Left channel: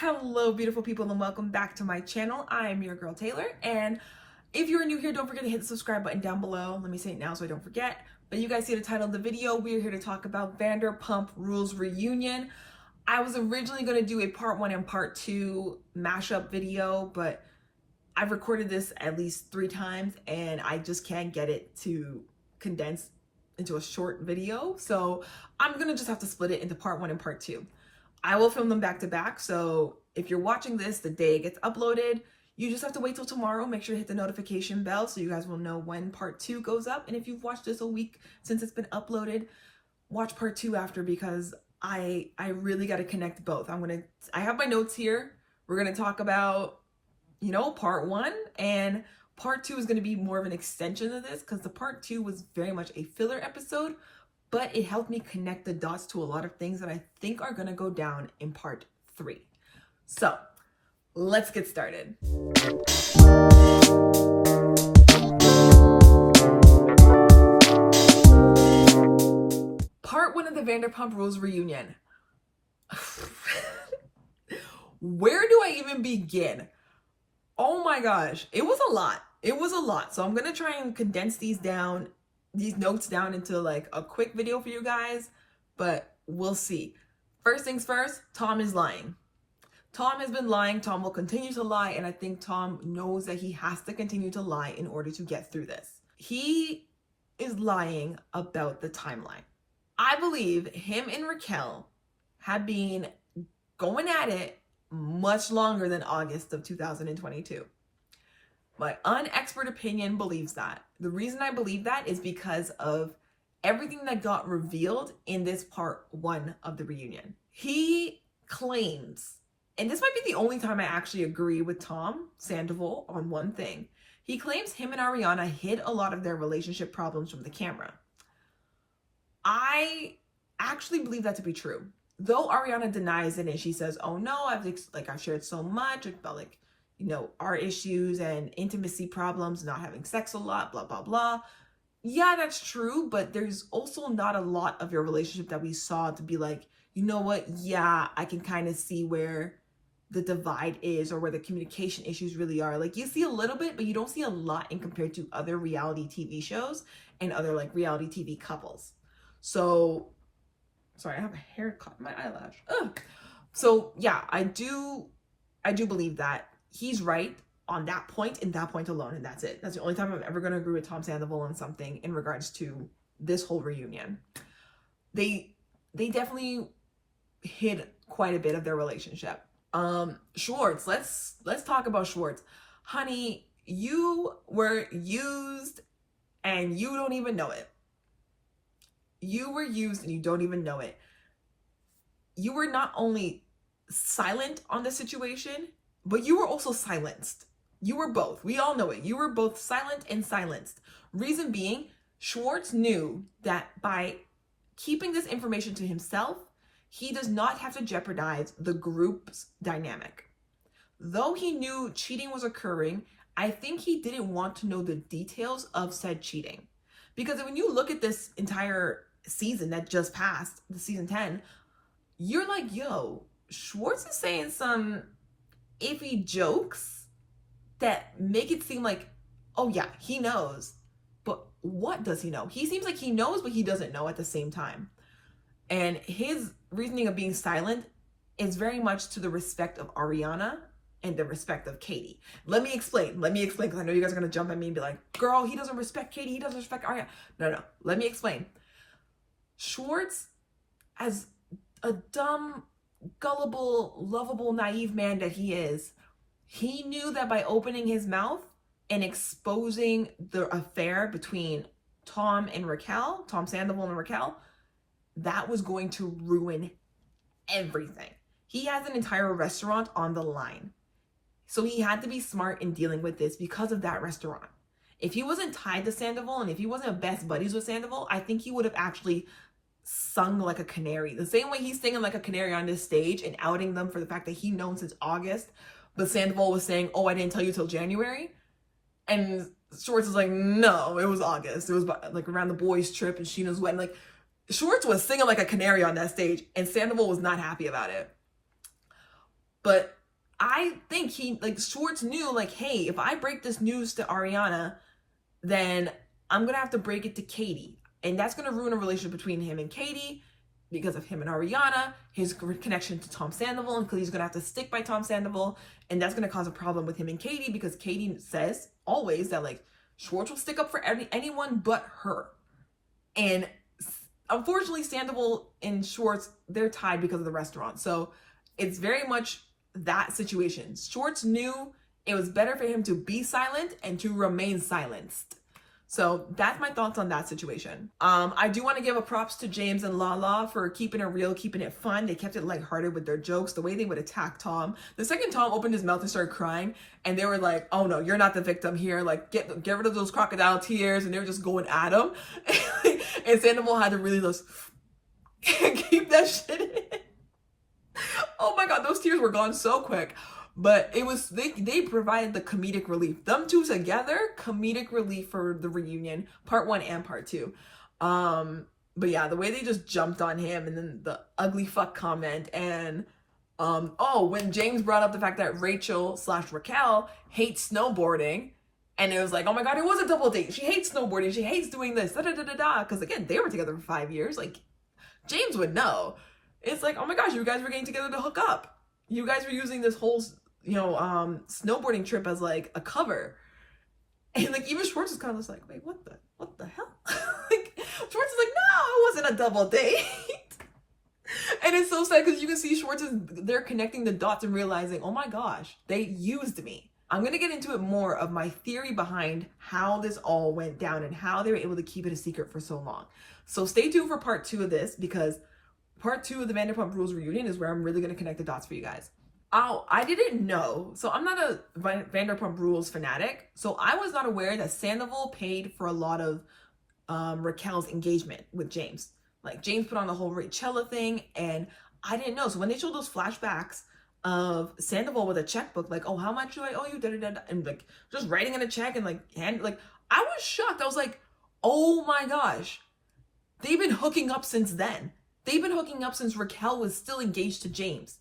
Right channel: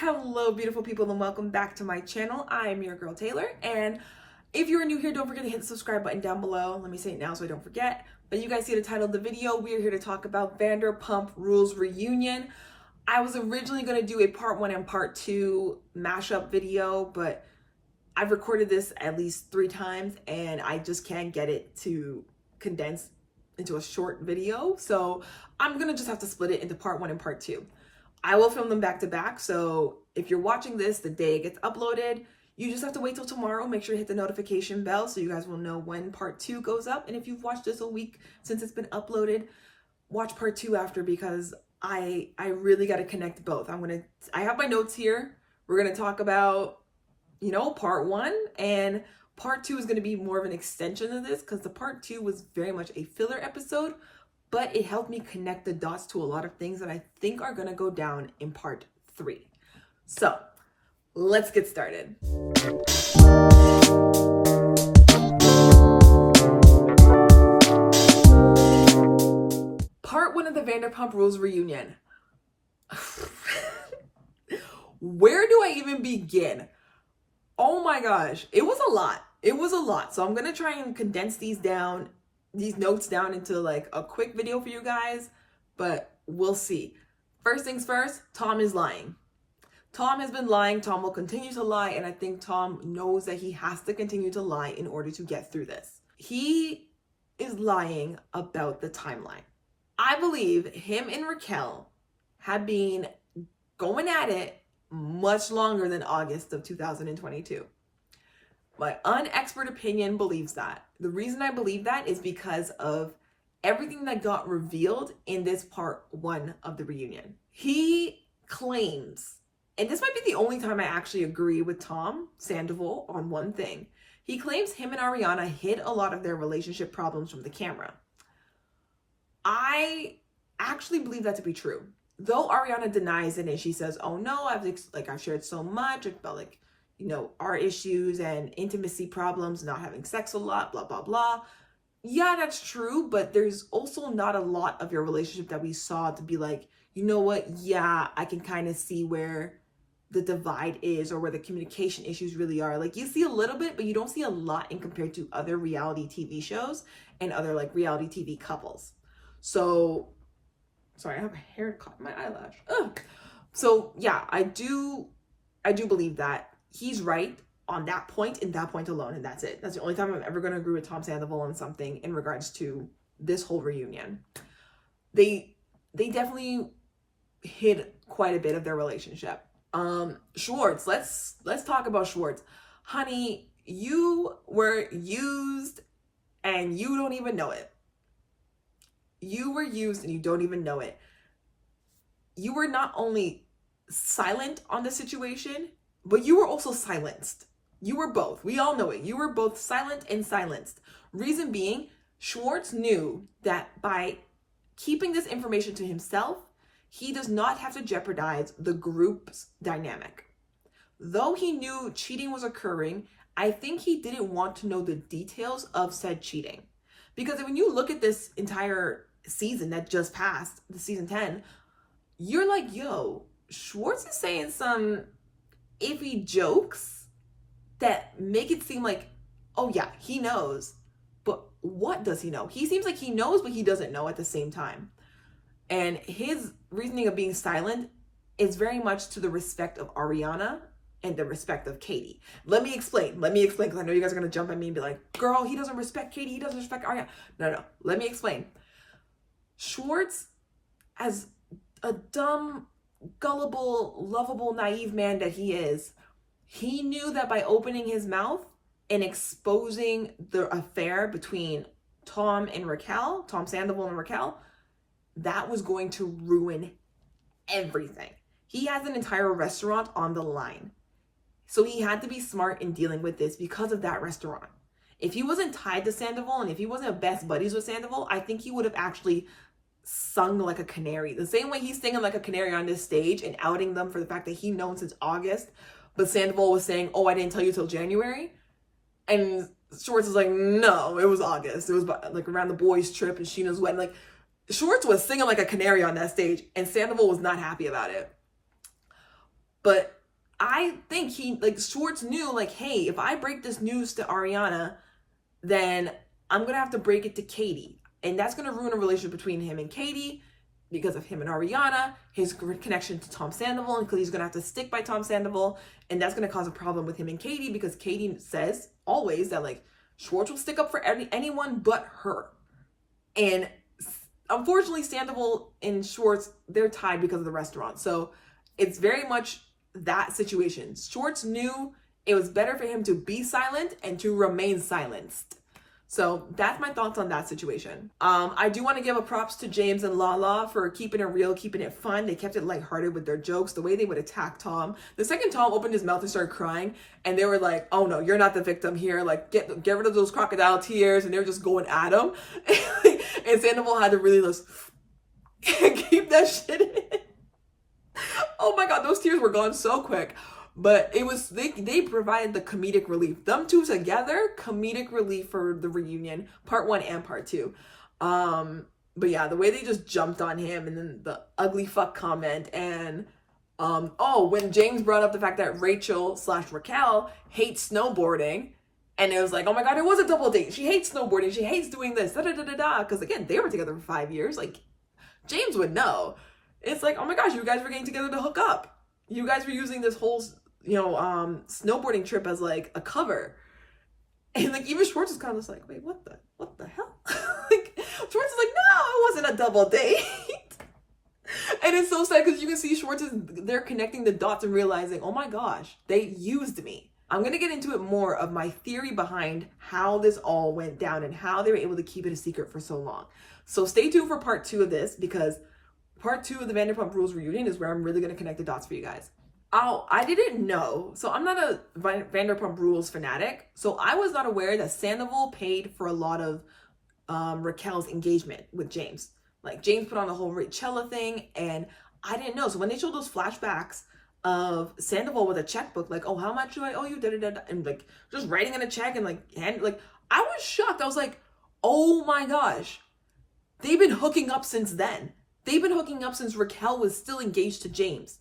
Hello, beautiful people, and welcome back to my channel. I am your girl Taylor, and if you're new here, don't forget to hit the subscribe button down below. Let me say it now so I don't forget. But you guys see the title of the video. We are here to talk about Vanderpump Rules Reunion. I was originally going to do a part 1 and part 2 mashup video, but I've recorded this at least 3 times, and I just can't get it to condense into a short video. So I'm going to just have to split it into part 1 and part 2. I will film them back to back, so if you're watching this the day it gets uploaded, you just have to wait till tomorrow. Make sure to hit the notification bell so you guys will know when part 2 goes up. And if you've watched this a week since it's been uploaded, watch part 2 after, because I really got to connect both. I have my notes here. We're going to talk about, part 1, and part 2 is going to be more of an extension of this, because the part 2 was very much a filler episode, but it helped me connect the dots to a lot of things that I think are going to go down in part 3. So let's get started. Part 1 of the Vanderpump Rules Reunion. Where do I even begin? Oh my gosh, it was a lot. It was a lot. So I'm going to try and condense these notes down into like a quick video for you guys, but we'll see. First things first, Tom is lying. Tom has been lying. Tom will continue to lie, and I think Tom knows that he has to continue to lie in order to get through this. He is lying about the timeline. I believe him and Raquel have been going at it much longer than August of 2022. My unexpert opinion believes that. The reason I believe that is because of everything that got revealed in this part 1 of the reunion. He claims, and this might be the only time I actually agree with Tom Sandoval on one thing. He claims him and Ariana hid a lot of their relationship problems from the camera. I actually believe that to be true. Though Ariana denies it and she says, "Oh no, I've shared so much about our issues and intimacy problems, not having sex a lot, blah, blah, blah." Yeah, that's true, but there's also not a lot of your relationship that we saw to be like, you know what? Yeah, I can kind of see where the divide is or where the communication issues really are. Like, you see a little bit, but you don't see a lot in compared to other reality TV shows and other reality TV couples. So, sorry, I have a hair caught in my eyelash. Ugh. So yeah, I do believe that he's right on that point and that point alone, and that's it. That's the only time I'm ever going to agree with Tom Sandoval on something in regards to this whole reunion. They definitely hid quite a bit of their relationship. Schwartz, let's talk about Schwartz. Honey, you were used and you don't even know it. You were used and you don't even know it. You were not only silent on the situation, but you were also silenced. You were both. We all know it. You were both silent and silenced. Reason being, Schwartz knew that by keeping this information to himself, he does not have to jeopardize the group's dynamic. Though he knew cheating was occurring, I think he didn't want to know the details of said cheating. Because when you look at this entire season that just passed, the season 10, you're like, yo, Schwartz is saying some iffy jokes that make it seem like, oh yeah, he knows. But what does he know? He seems like he knows, but he doesn't know at the same time. And his reasoning of being silent is very much to the respect of Ariana and the respect of Katie. Let me explain, because I know you guys are going to jump at me and be like, girl, he doesn't respect Katie, he doesn't respect Ariana. No, let me explain. Schwartz, as a dumb, gullible, lovable, naive man that he is, he knew that by opening his mouth and exposing the affair between Tom Sandoval and Raquel, that was going to ruin everything. He has an entire restaurant on the line. So he had to be smart in dealing with this because of that restaurant. If he wasn't tied to Sandoval and if he wasn't best buddies with Sandoval, I think he would have actually sung like a canary. The same way he's singing like a canary on this stage and outing them for the fact that he known since August, but Sandoval was saying, "Oh, I didn't tell you till January." And Schwartz is like, "No, it was August. It was like around the boys' trip and Sheena's wedding." Like, Schwartz was singing like a canary on that stage, and Sandoval was not happy about it. But I think Schwartz knew, like, hey, if I break this news to Ariana, then I'm going to have to break it to Katie. And that's going to ruin a relationship between him and Katie because of him and Ariana, his connection to Tom Sandoval, and because he's going to have to stick by Tom Sandoval. And that's going to cause a problem with him and Katie because Katie says always that, like, Schwartz will stick up for anyone but her. And unfortunately, Sandoval and Schwartz, they're tied because of the restaurant. So it's very much that situation. Schwartz knew it was better for him to be silent and to remain silenced. So that's my thoughts on that situation. I do want to give a props to James and Lala for keeping it real, keeping it fun. They kept it lighthearted with their jokes, the way they would attack Tom. The second Tom opened his mouth and started crying, and they were like, oh no, you're not the victim here. Like, get rid of those crocodile tears. And they were just going at him. And Sandoval had to really just keep that shit in. Oh my God, those tears were gone so quick. But it was, they provided the comedic relief. Them two together, comedic relief for the reunion, part 1 and part 2. But yeah, the way they just jumped on him, and then the ugly fuck comment, and when James brought up the fact that Rachel/Raquel hates snowboarding, and it was like, oh my God, it was a double date. She hates snowboarding. She hates doing this, da-da-da-da-da. Because again, they were together for 5 years. Like, James would know. It's like, oh my gosh, you guys were getting together to hook up. You guys were using this whole, snowboarding trip as like a cover. And like, even Schwartz is kind of just like, wait, what the hell? Like, Schwartz is like, no, it wasn't a double date. And it's so sad because you can see Schwartz they're connecting the dots and realizing, oh my gosh, they used me. I'm going to get into it more of my theory behind how this all went down and how they were able to keep it a secret for so long. So stay tuned for part 2 of this, because part 2 of the Vanderpump Rules reunion is where I'm really going to connect the dots for you guys. Oh, I didn't know. So I'm not a Vanderpump Rules fanatic. So I was not aware that Sandoval paid for a lot of Raquel's engagement with James. Like, James put on the whole Rachella thing, and I didn't know. So when they showed those flashbacks of Sandoval with a checkbook, like, oh, how much do I owe you? Da-da-da-da. And like just writing in a check and like I was shocked. I was like, oh my gosh, they've been hooking up since then. They've been hooking up since Raquel was still engaged to James.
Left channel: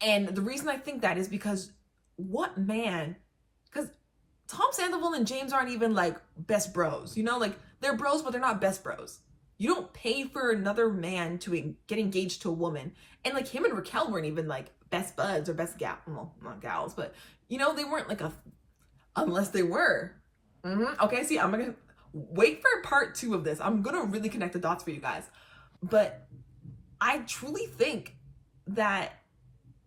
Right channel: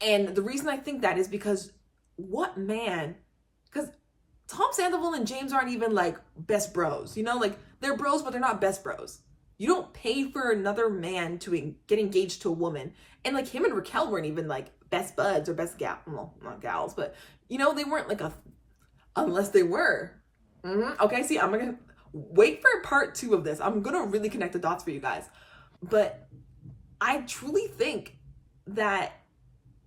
And the reason I think that is because what man? Because Tom Sandoval and James aren't even like best bros, like they're bros, but they're not best bros. You don't pay for another man to get engaged to a woman. And like him and Raquel weren't even like best buds or best well, not gals, but they weren't like unless they were. Okay, see, I'm gonna wait for part 2 of this. I'm gonna really connect the dots for you guys. But I truly think that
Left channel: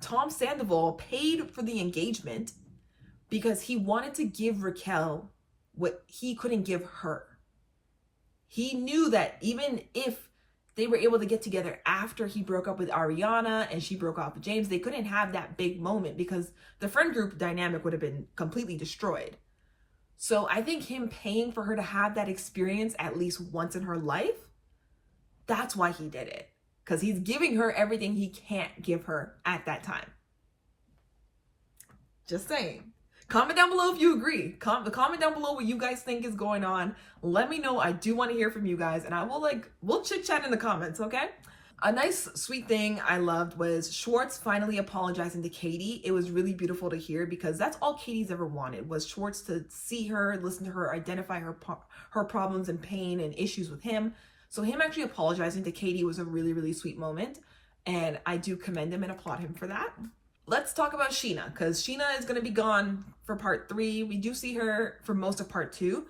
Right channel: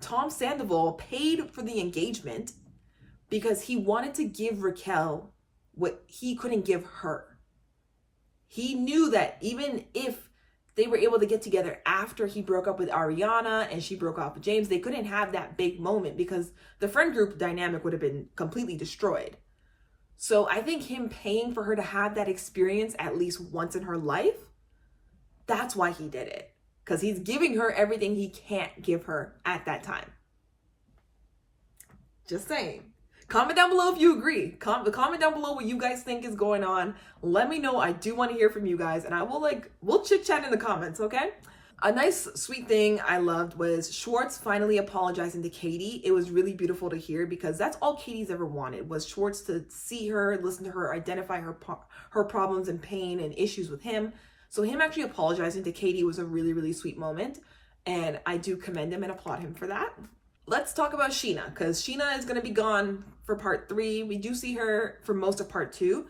Tom Sandoval paid for the engagement because he wanted to give Raquel what he couldn't give her. He knew that even if they were able to get together after he broke up with Ariana and she broke off with James, they couldn't have that big moment because the friend group dynamic would have been completely destroyed. So I think him paying for her to have that experience at least once in her life, that's why he did it. Because he's giving her everything he can't give her at that time. Just saying. Comment down below if you agree. Comment down below what you guys think is going on. Let me know. I do want to hear from you guys, and we'll chit chat in the comments, okay? A nice, sweet thing I loved was Schwartz finally apologizing to Katie. It was really beautiful to hear because that's all Katie's ever wanted, was Schwartz to see her, listen to her, identify her problems and pain and issues with him. So him actually apologizing to Katie was a really, really sweet moment. And I do commend him and applaud him for that. Let's talk about Scheana, because Scheana is going to be gone for part 3. We do see her for most of part 2.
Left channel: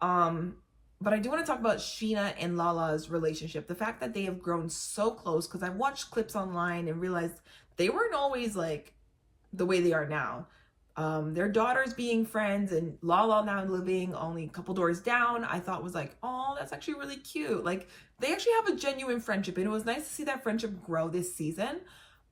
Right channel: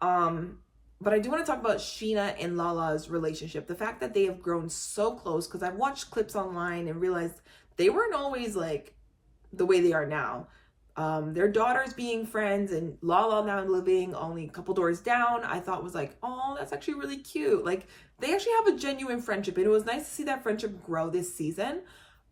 But I do want to talk about Scheana and Lala's relationship. The fact that they have grown so close, because I've watched clips online and realized they weren't always like the way they are now. Their daughters being friends and Lala now living only a couple doors down, I thought was like, oh, that's actually really cute. Like, they actually have a genuine friendship, and it was nice to see that friendship grow this season,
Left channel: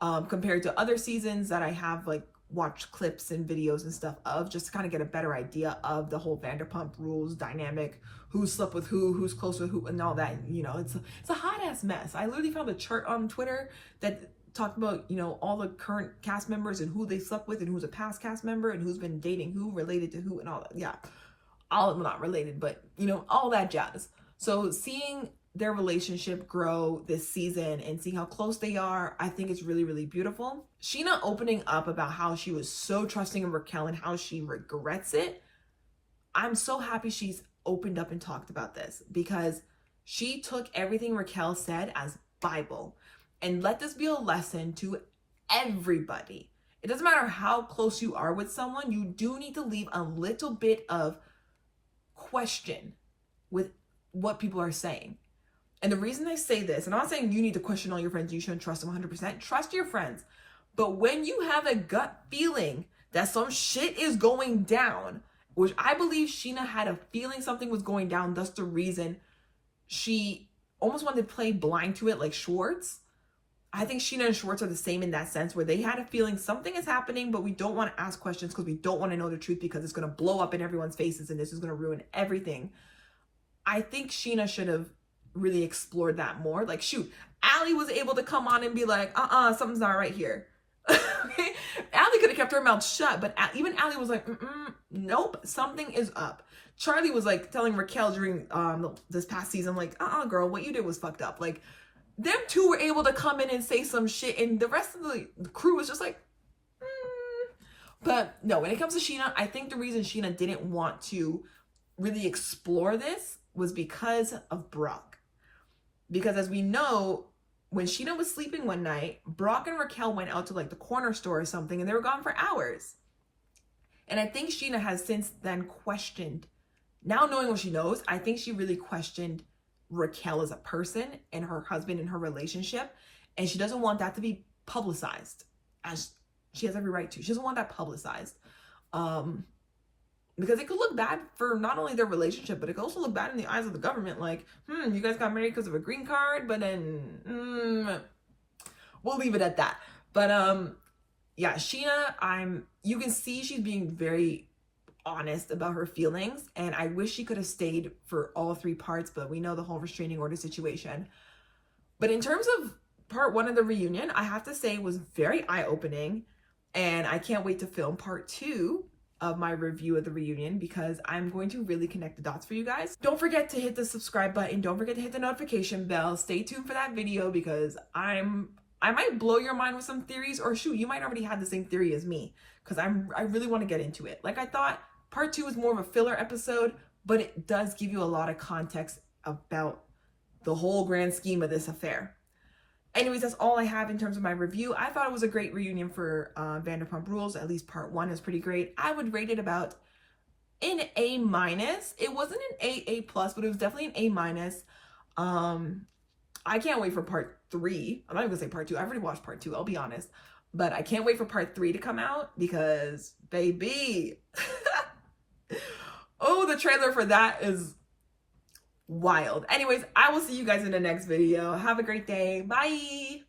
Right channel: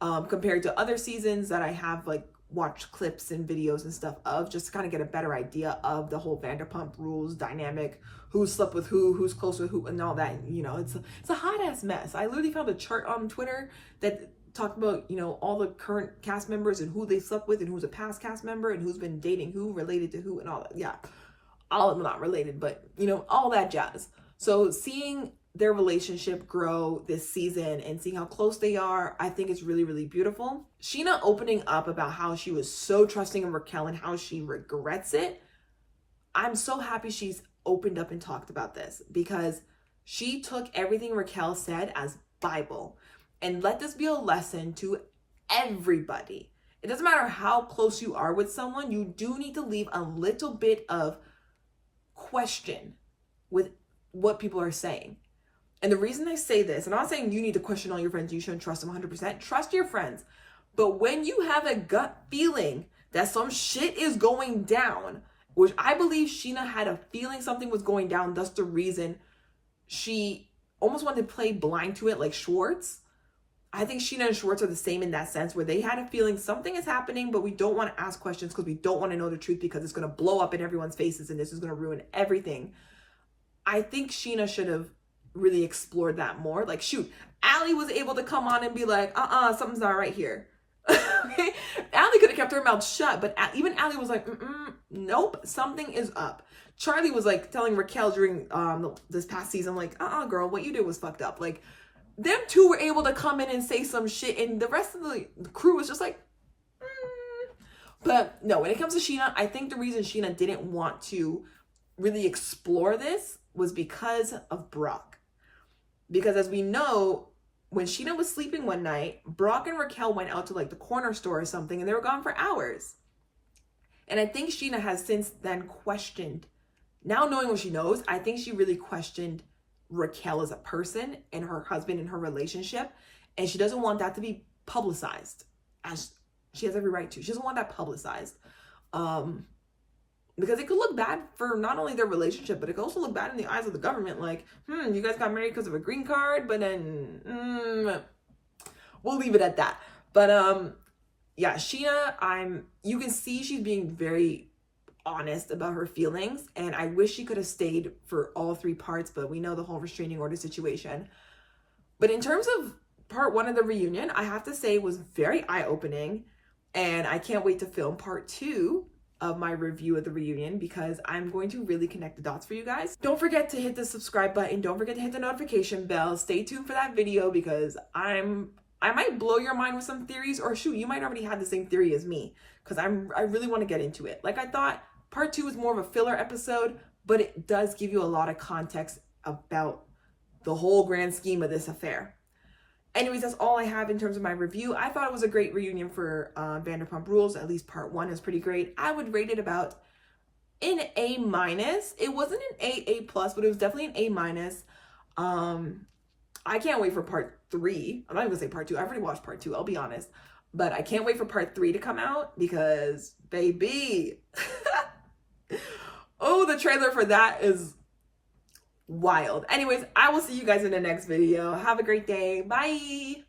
compared to other seasons that I have like watched clips and videos and stuff of, just to kind of get a better idea of the whole Vanderpump Rules dynamic, who slept with who's close with who, and all that. It's a hot ass mess. I literally found a chart on Twitter that talked about, all the current cast members and who they slept with and who's a past cast member and who's been dating who, related to who, and all that. Yeah, all of them not related, but all that jazz. So seeing their relationship grow this season and seeing how close they are, I think it's really, really beautiful. Sheena opening up about how she was so trusting of Raquel and how she regrets it. I'm so happy she's opened up and talked about this, because she took everything Raquel said as Bible. And let this be a lesson to everybody. It doesn't matter how close you are with someone, you do need to leave a little bit of question with what people are saying. And the reason I say this, and I'm not saying you need to question all your friends, you shouldn't trust them 100%, trust your friends. But when you have a gut feeling that some shit is going down, which I believe Sheena had a feeling something was going down, that's the reason she almost wanted to play blind to it like Schwartz. I think Sheena and Schwartz are the same in that sense, where they had a feeling something is happening, but we don't want to ask questions because we don't want to know the truth, because it's going to blow up in everyone's faces and this is going to ruin everything. I think Sheena should have really explored that more. Like, shoot, Allie was able to come on and be like, something's not right here. Okay? Allie could have kept her mouth shut, but even Allie was like, nope, something is up. Charlie was like telling Raquel during this past season, like, girl, what you did was fucked up. Like, them two were able to come in and say some shit, and the rest of the crew was just like, But no, when it comes to Sheena, I think the reason Sheena didn't want to really explore this was because of Brock. Because as we know, when Sheena was sleeping one night, Brock and Raquel went out to like the corner store or something, and they were gone for hours. And I think Sheena has since then questioned, now knowing what she knows, I think she really questioned Raquel as a person and her husband and her relationship. And she doesn't want that to be publicized, as she has every right to. She doesn't want that publicized. Because it could look bad for not only their relationship, but it could also look bad in the eyes of the government. Like, you guys got married because of a green card, but then we'll leave it at that. But yeah, Sheena, you can see she's being very honest about her feelings, and I wish she could have stayed for all 3 parts, but we know the whole restraining order situation. But in terms of part 1 of the reunion, I have to say it was very eye-opening, and I can't wait to film part 2 of my review of the reunion, because I'm going to really connect the dots for you guys. Don't forget to hit the subscribe button. Don't forget to hit the notification bell. Stay tuned for that video, because I might blow your mind with some theories, or shoot, you might already have the same theory as me, because I really want to get into it. Like I thought, part 2 is more of a filler episode, but it does give you a lot of context about the whole grand scheme of this affair. Anyways, that's all I have in terms of my review. I thought it was a great reunion for Vanderpump Rules. At least part 1 is pretty great. I would rate it about an A-. It wasn't an A+, but it was definitely an A-. I can't wait for part 3. I'm not even gonna say part 2. I've already watched part 2, I'll be honest. But I can't wait for part 3 to come out, because, baby, oh, the trailer for that is wild. Anyways, I will see you guys in the next video. Have a great day. Bye.